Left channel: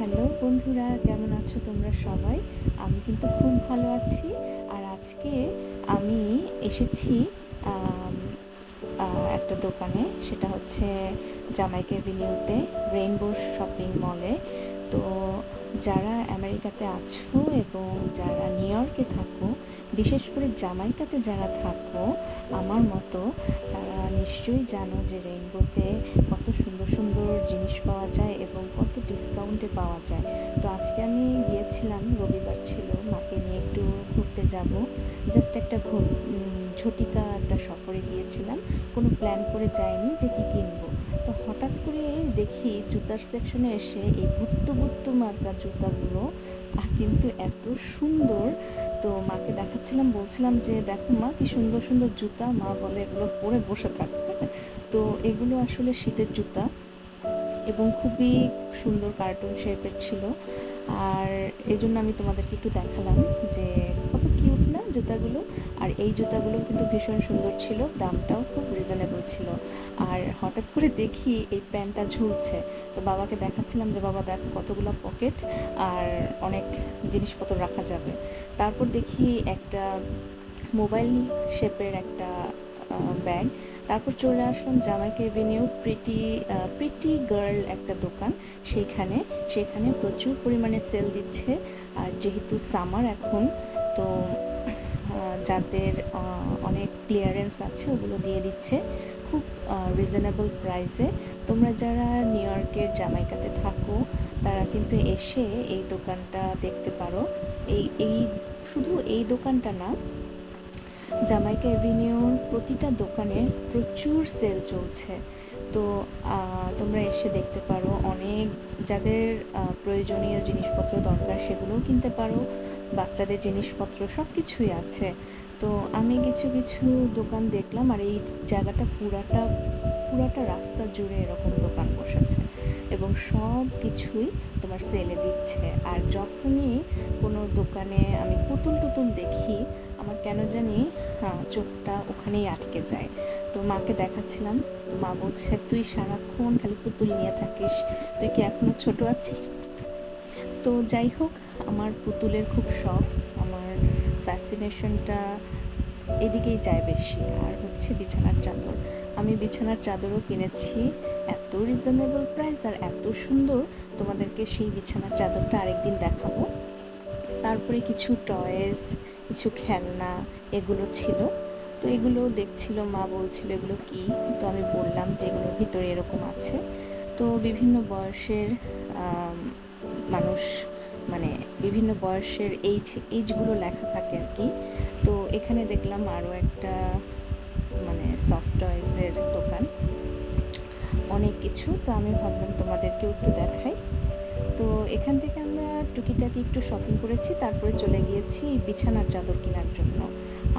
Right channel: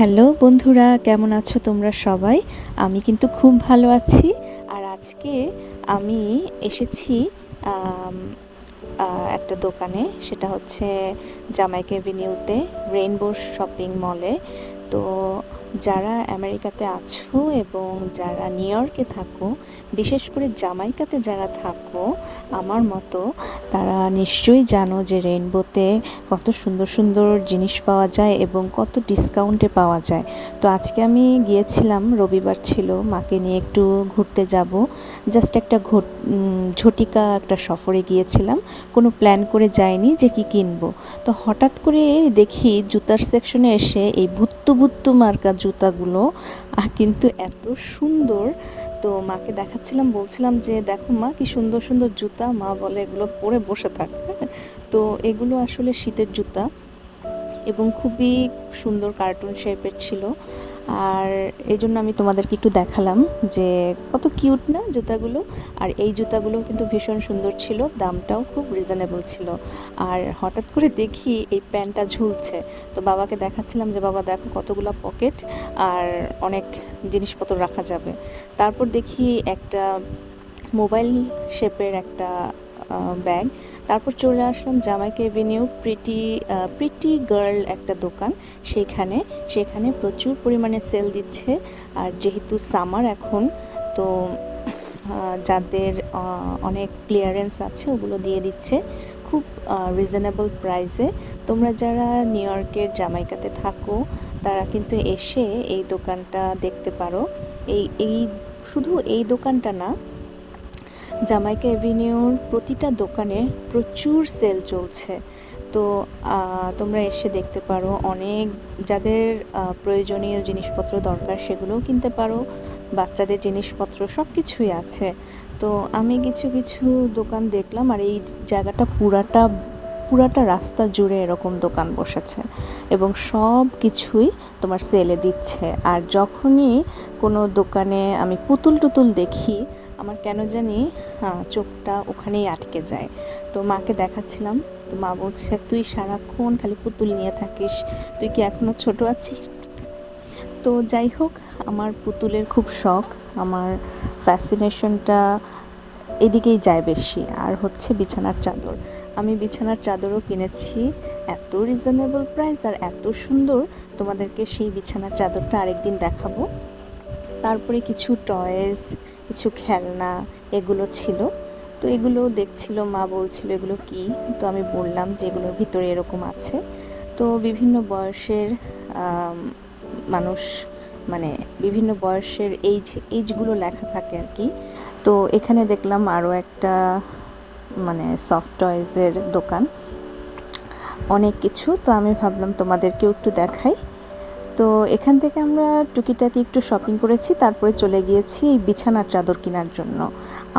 Hello বন্ধুরা, কেমন আছো তোমরা সবাই? আমি কিন্তু খুব ভালো আছি। আর আজকে আমি এসেছি আম, একটা দোকানে, সেটা হচ্ছে জামাইকা এভিনিউতে রেইনবো শপিং মলে। তো যারা আমেরিকাতে আছো এবং যারা নিউ ইয়র্কে থাকো, বিশেষ করে জামাইকাতে যারা থাকো আমার মতো, তারা নিশ্চয়ই জানো যে রেইনবোতে কত সুন্দর সুন্দর জিনিস পাওয়া যায় এবং কত ডিসকাউন্টে পাওয়া যায়। তো আজকে আমি গিয়েছিলাম, রবিবার ছিল, মাকে নিয়ে একটু ঘুরতে যাব। জাস্ট একটা ঝটিকা একটা সফরে গিয়েছিলাম, কোনো প্ল্যান করে যাইনি যে কি কিনবো। তো হঠাৎ করে দেখি জুতার সেকশনে এসে এই ভুত্তু ভুত্তু মার্কা জুতাগুলো কিন্তু এত সুন্দর। তো মাকে দেখাচ্ছিলাম, বলছিলাম যে দেখো মা, কি সুন্দর সুন্দর জুতা। মা বলে এগুলো পরে বসে থাক। তো এগুলো আসলে শীতের জুতা এবং খুবই সুন্দর কার্টুন শেপের ছিল। আর এই জন্য আমি তোমাদেরকে একটু দেখালাম যে কত কিউট না জুতাগুলো। আর এই জুতাগুলো কিন্তু ভীষণ সুন্দর ছিল, দামটাও খুব রিজনেবল ছিল। আর হঠাৎ করে দেখি এই প্যান্টটা ঝুলছে, তো বাবাকে দেখাচ্ছিলাম যে বাবা দেখো কতগুলো পকেট আর অনেক জিনিসপত্র রাখা যাবে। তারপর দেখি একটা মোবাইল শেপের একটা ব্যাগ। তারপর চলে আসলাম জামাইকা এভিনিউ প্রিটি গার্ল একটা দোকান, সেখানে প্রচুর পরিমাণে সেল দিচ্ছে। আর যেহেতু সামার এখন, তো যাদের অনেক ক্লিয়ারেন্স আছে ওগুলো দিয়ে দিচ্ছে খুব রিজনেবল প্রাইসে। তোমরা যারা নিউ ইয়র্কের জামাইকাতে থাকো তারা কিন্তু এসে এই দোকানটা দেখতে পারো। এই শুধু এই দোকানটা না, জামাইকা এভিনিউর প্রতিটা দোকানে প্রচুর সেল চলছে। তো তোমরা এসে দেখতে পারো, অনেক যাদের প্রয়োজনীয় জিনিসপত্র দরকার সেগুলোও কিনতে পারো, বাচ্চাদের জিনিসপত্র সব কিছুই আছে। তো আমি কিছু কিছু দোকান দেখলাম, আর এই জায়গাটা পুরাটা রাস্তা জুড়ে এরকম দোকান বসেছে এবং সব কিছুই তোমার সেলে দিচ্ছে। আর যখনই কোনো দোকানে আমি পুতুল টুতুল দেখি, আমার কেন জানি চোখটা ওখানেই আটকে যায়। তো মাকে দেখাচ্ছিলাম, তো মা বলছে তুই সারাক্ষণ খালি পুতুল নিয়ে থাকিস, তুই কি এখনো ছোট আছিস? তো যাই হোক, আমার পুতুলের খুব শখ, আমার ফ্যাসিনেশনটা এদিকেই যায় বেশি। আর হচ্ছে বিছানার চাদর, আমি বিছানার চাদরও কিনেছি, এত রিজনেবল প্রাইস আর এত সুন্দর। তোমাদেরকে সেই বিছানার চাদরটা আরেকদিন দেখাবো। তারপরে কিছু টয়েস, কিছু খেলনা এগুলো ছিল। তো এগুলো দেখছিল, মা বলছিল এগুলো কি। তো আমি বললাম যে এগুলোর ভিতরে এরকম আছে। তো বিভিন্ন বয়সের মানুষ, মানে বিভিন্ন বয়সের এইজগুলো লেখা থাকে আর কি। তো এখানে দেখলাম আরও একটা মানে সফট টয়েজের দোকান, অনেক কিছু। তো আমি ভাবলাম তোমাদেরকেও একটু দেখাই। তো এখান থেকে আমরা টুকিটাকি একটু শপিং করেছি, তারপরে চলে গিয়েছি এই বিছানার চাদর কেনার জন্য।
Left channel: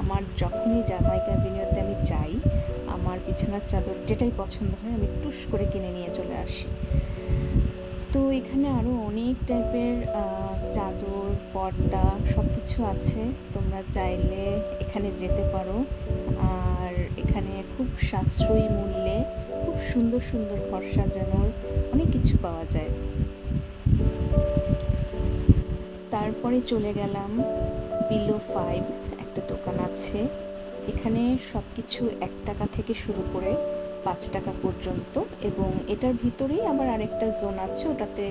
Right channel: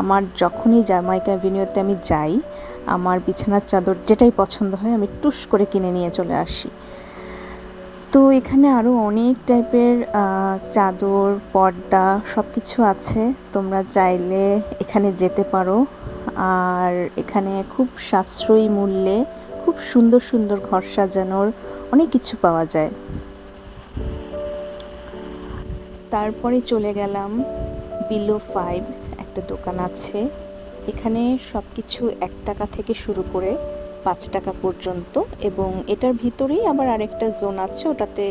আমার যখনই জামাইকা এভিনিউতে আমি যাই, আমার বিছানার চাদর যেটাই পছন্দ হয় আমি টুস করে কিনে নিয়ে চলে আসি। তো এখানে আরও অনেক টাইপের চাদর, পর্দা সব কিছু আছে, তোমরা চাইলে এখানে যেতে পারো। আর এখানে খুব সাশ্রয়ী মূল্যে খুব সুন্দর সুন্দর ঘর সাজানোর অনেক কিছু পাওয়া যায়। তারপরে চলে গেলাম বিলো 5 একটা দোকান আছে, এখানে সব কিছু 1 টাকা থেকে শুরু করে 5 টাকা পর্যন্ত, এবং এটার ভিতরেই আবার আরেকটা জোন আছে, ওটাতে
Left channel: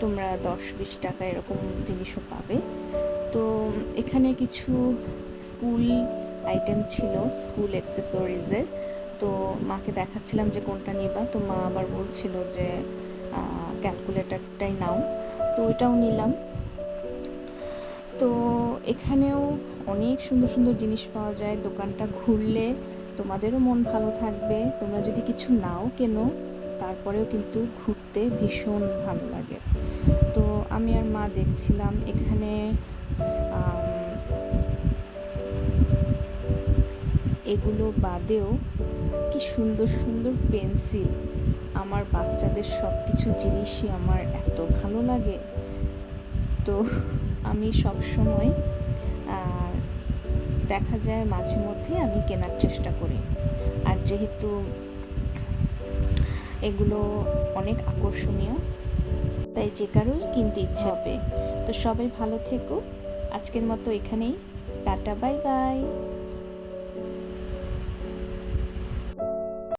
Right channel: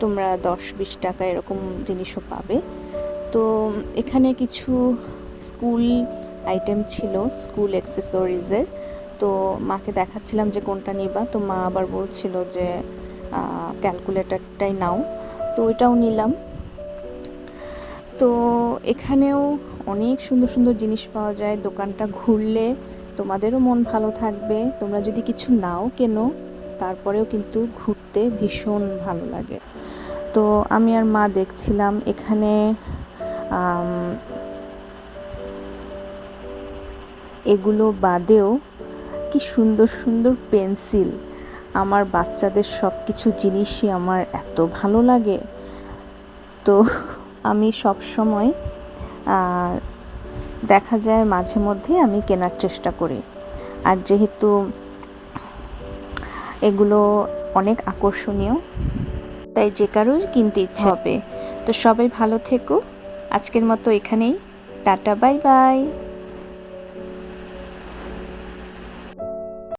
তোমরা 10-20 টাকা এরকম জিনিসও পাবে। তো এখানে কিছু স্কুল আইটেম ছিল, স্কুল অ্যাক্সেসরিজের। তো মাকে দেখাচ্ছিলাম যে কোনটা নিবা, তো মা আবার বলছিল যে ক্যালকুলেটরটাই নাও, তো ওইটাও নিলাম। তো এখানেও অনেক সুন্দর সুন্দর জিনিস পাওয়া যায়, দোকানটা ঘুরলে তোমাদেরও মন ভালো থাকবে। তোমরা যদি কিছু নাও কেনো, তারপরেও কিন্তু ঘুরতে ভীষণ ভালো লাগে। তো আমি আর মা দেখছিলাম এখানে এগুলো বাদেও কি সুন্দর সুন্দর পেন্সিল। আমার বাচ্চাদের সব কিছু জিনিসই আমার এত ভালো লাগে। তো আমি সব সময় দেখা যায় মাঝে মধ্যে আমি কেনার চেষ্টা করি। আর যেহেতু এগুলো অনেক আকর্ষণীয়, তাই যে কারোর কিনতে ইচ্ছে হবে। তো সবাই ভালো থেকো, আজকের মতো এখানেই, টাটা, বাই বাই।